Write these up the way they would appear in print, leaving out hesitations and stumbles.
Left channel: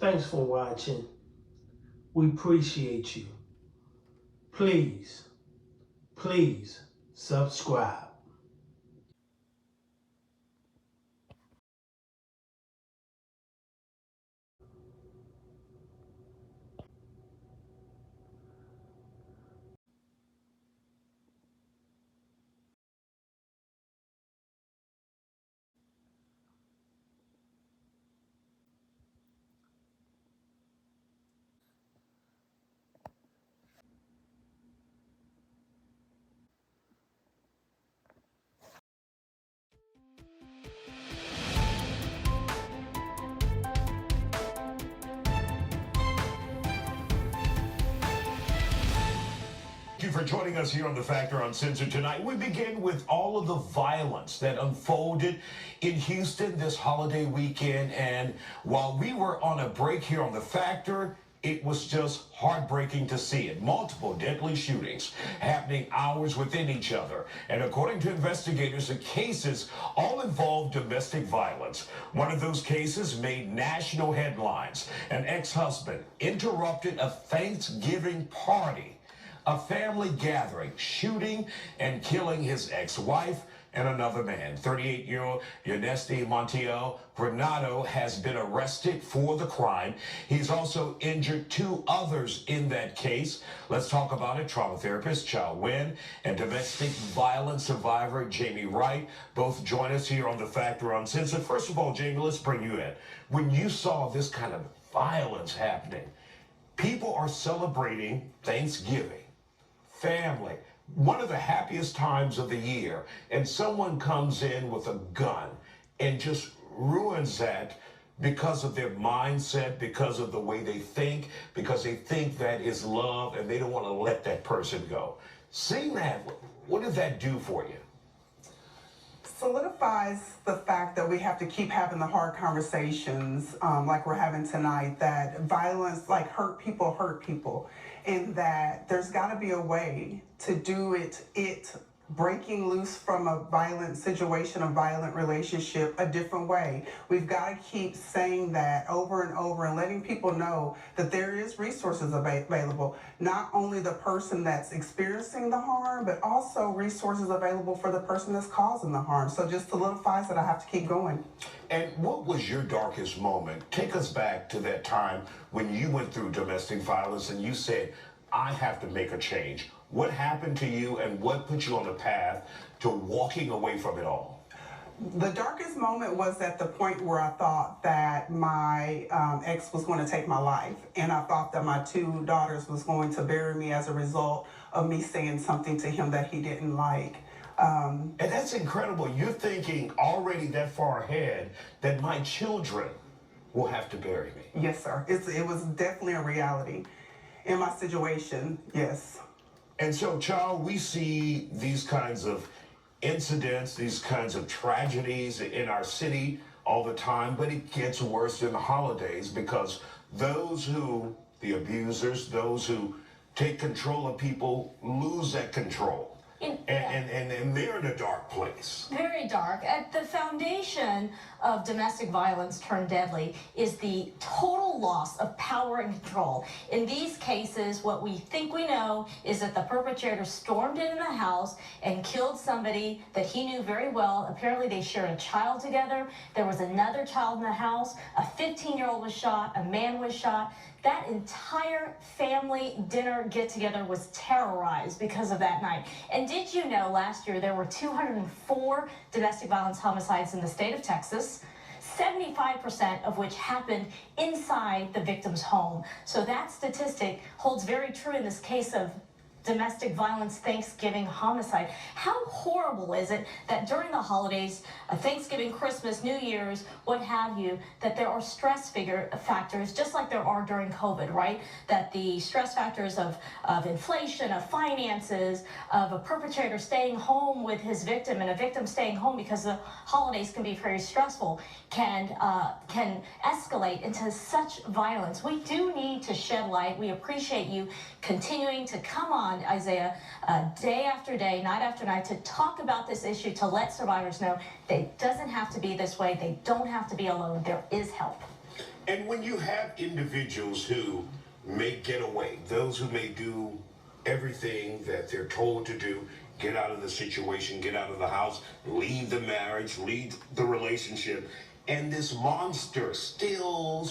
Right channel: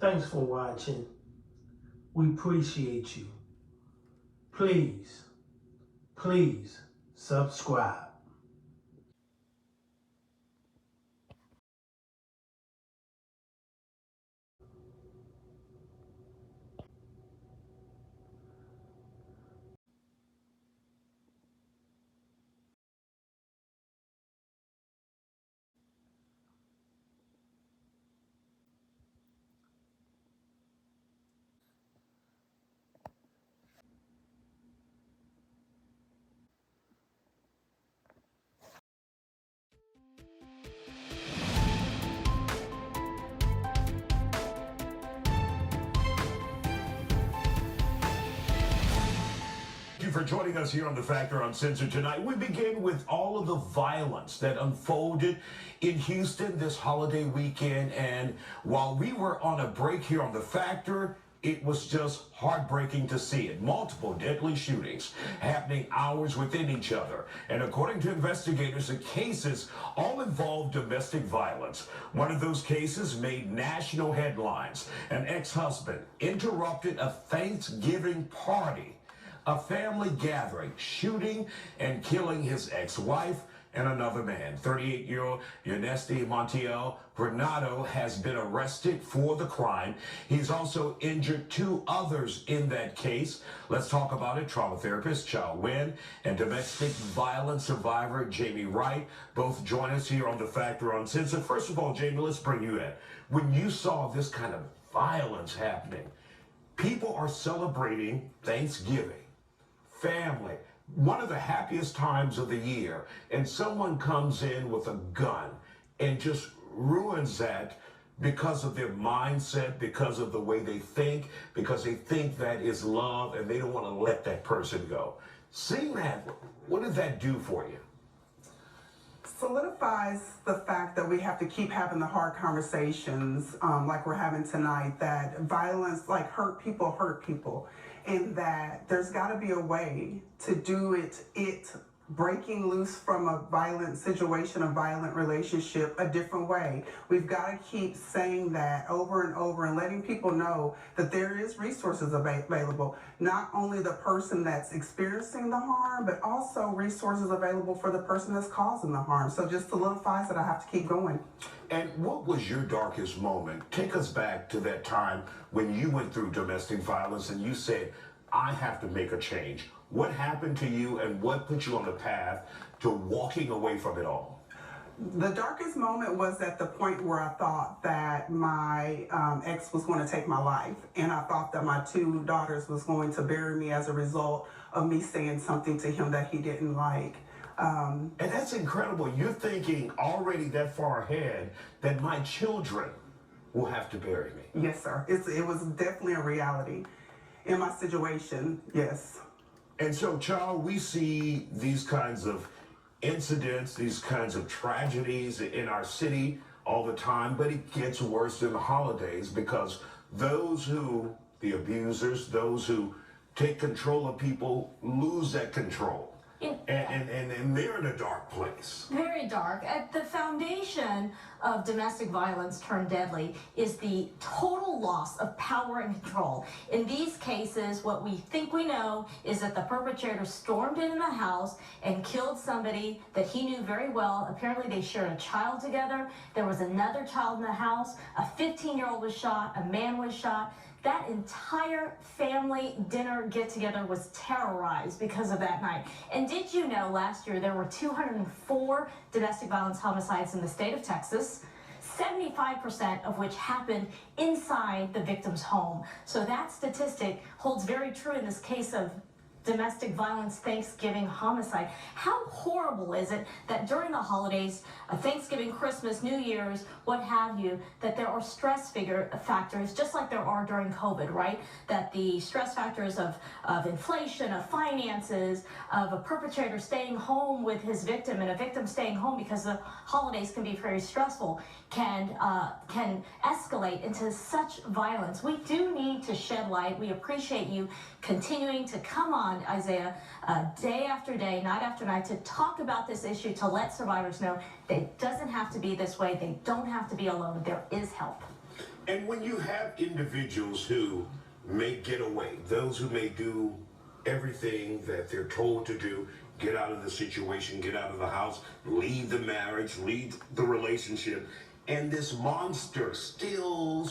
Thanks for watching. We appreciate you. Please, please subscribe. Thank you for joining us here on The Factor Uncensored tonight. We begin with all of the violence that unfolded in Houston this holiday weekend. And while we were on a break here on The Factor, it was just heartbreaking to see it. Multiple deadly shootings happening hours within each other. And according to investigators, the cases all involved domestic violence. One of those cases made national headlines. An ex-husband interrupted a Thanksgiving party, a family gathering, shooting and killing his ex-wife and another man. 38-year-old Yanesti Montiel Granado has been arrested for the crime. He's also injured two others in that case. Let's talk about it. Trauma therapist Chow Nguyen and domestic violence survivor Jamie Wright both join us here on The Factor Uncensored. First of all, Jamie, let's bring you in. When you saw this kind of violence happening, people are celebrating Thanksgiving, family, one of the happiest times of the year, and someone comes in with a gun and just ruins that because of their mindset, because of the way they think, because they think that is love and they don't want to let that person go. Seeing that, what did that do for you? Solidifies the fact that we have to keep having the hard conversations like we're having tonight, that violence, like hurt people, and that there's got to be a way to do it breaking loose from a violent situation, a violent relationship, a different way. We've got to keep saying that over and over and letting people know that there is resources available. Not only the person that's experiencing the harm, but also resources available for the person that's causing the harm. So just solidifies that I have to keep going. And what was your darkest moment? Take us back to that time when you went through domestic violence and you said, I have to make a change. What happened to you and what put you on the path to walking away from it all? The darkest moment was at the point where I thought that my ex was going to take my life, and I thought that my two daughters was going to bury me as a result of me saying something to him that he didn't like. And that's incredible. You're thinking already that far ahead that my children will have to bury me. Yes, sir. It was definitely a reality in my situation, yes. And so, child, we see these kinds of incidents, these kinds of tragedies in our city all the time, but it gets worse in the holidays because those who, the abusers, those who take control of people lose that control. And they're in a dark place. Very dark. At the foundation of domestic violence turned deadly is the total loss of power and control. In these cases, what we think we know is that the perpetrator stormed into the house and killed somebody that he knew very well. Apparently, they shared a child together. There was another child in the house. A 15-year-old was shot. A man was shot. That entire family dinner get-together was terrorized because of that night. And did you know last year there were 204 domestic violence homicides in the state of Texas, 75% of which happened inside the victim's home. So that statistic holds very true in this case of domestic violence Thanksgiving homicide. How horrible is it that during the holidays, Thanksgiving, Christmas, New Year's, what have you, that there are stress factors, just like there are during COVID, right? That the stress factors of inflation, of finances, of a perpetrator staying home with his victim and a victim staying home because the holidays can be very stressful, can escalate into such violence. We do need to shed light. We appreciate you continuing to come on, Isaiah, day after day, night after night, to talk about this issue, to let survivors know that it doesn't have to be this way. They don't have to be alone. There is help. And when you have individuals who may get away, those who may do everything that they're told to do, get out of the situation, get out of the house, leave the marriage, leave the relationship, and this monster still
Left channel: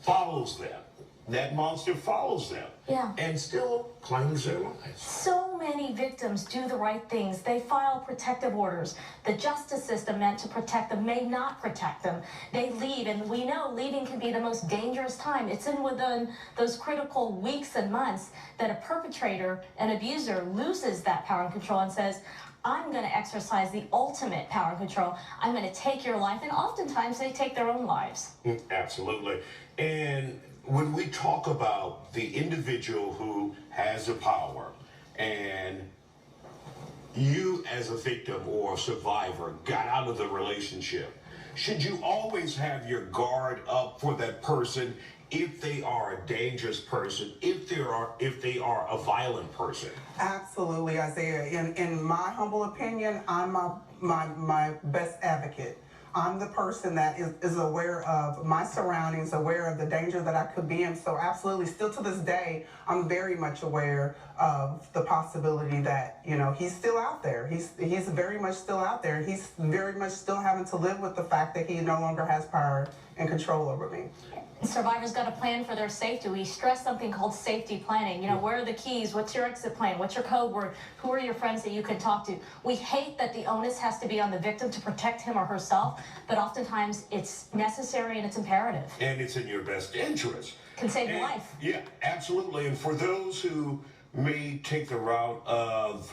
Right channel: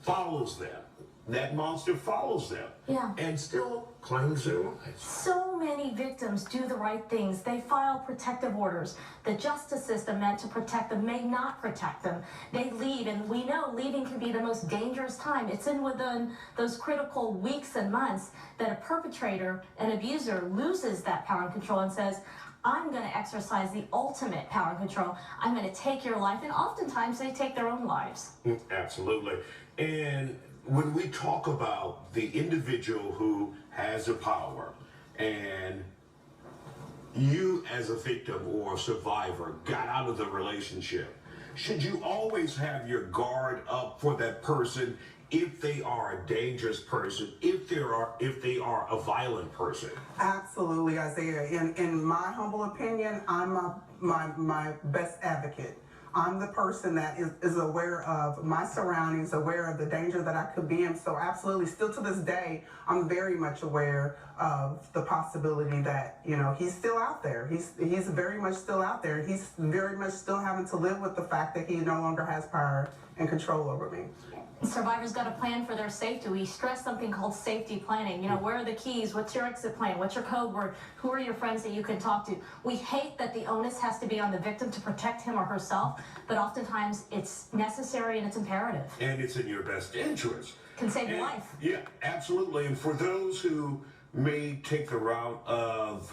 follows them. That monster follows them. Yeah. And still claims their lives. So many victims do the right things. They file protective orders. The justice system meant to protect them may not protect them. They leave, and we know leaving can be the most dangerous time. It's within those critical weeks and months that a perpetrator, an abuser, loses that power and control and says, I'm going to exercise the ultimate power and control. I'm going to take your life. And oftentimes they take their own lives. Absolutely. And when we talk about the individual who has the power and you as a victim or a survivor got out of the relationship, should you always have your guard up for that person if they are a dangerous person, if they are a violent person? Absolutely, Isaiah. In my humble opinion, I'm my best advocate. I'm the person that is aware of my surroundings, aware of the danger that I could be in. So absolutely, still to this day, I'm very much aware of the possibility that, he's still out there. He's very much still out there. He's very much still having to live with the fact that he no longer has power and control over me. Survivors got to plan for their safety. We stress something called safety planning. Where are the keys? What's your exit plan? What's your code word? Who are your friends that you can talk to? We hate that the onus has to be on the victim to protect him or herself, but oftentimes it's necessary and it's imperative. And it's in your best interest. Can save your life. Yeah, absolutely. And for those who may take the route of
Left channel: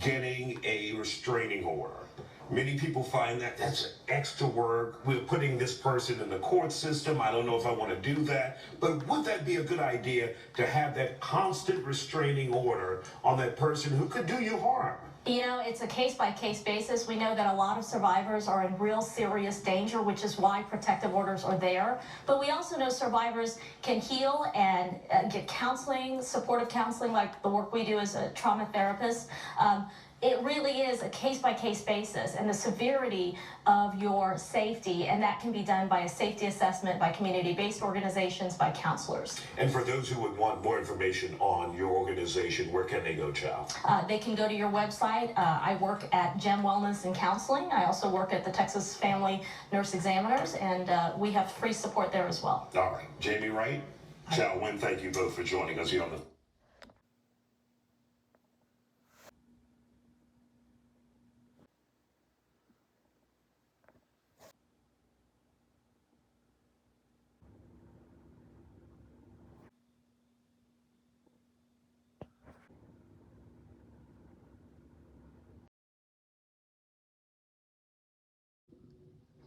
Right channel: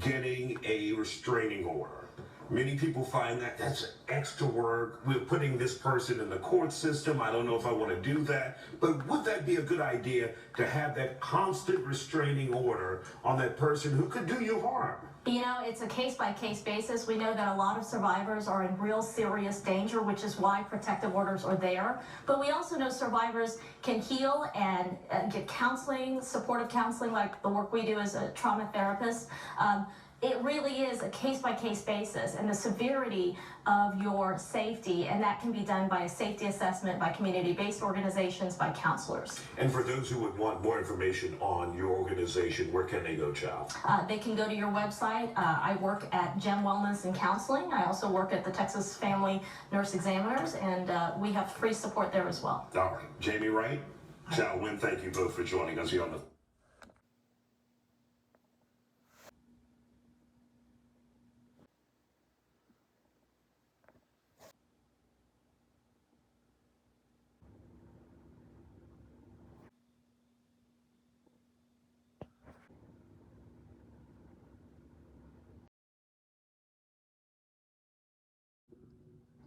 getting a restraining order, many people find that that's extra work. We're putting this person in the court system. I don't know if I want to do that. But would that be a good idea to have that constant restraining order on that person who could do you harm? It's a case-by-case basis. We know that a lot of survivors are in real serious danger, which is why protective orders are there. But we also know survivors can heal and get counseling, supportive counseling, like the work we do as a trauma therapist. It really is a case-by-case basis and the severity of your safety, and that can be done by a safety assessment, by community-based organizations, by counselors. And for those who would want more information on your organization, where can they go, Chow? They can go to your website. I work at GEM Wellness and Counseling. I also work at the Texas Family Nurse Examiners, and we have free support there as well. All right. Jamie Wright, Chow Wynn, thank you both for joining us here on the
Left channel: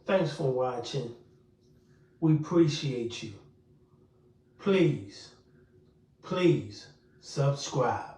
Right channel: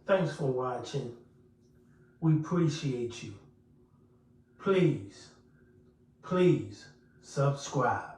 Thanks for watching. We appreciate you. Please subscribe.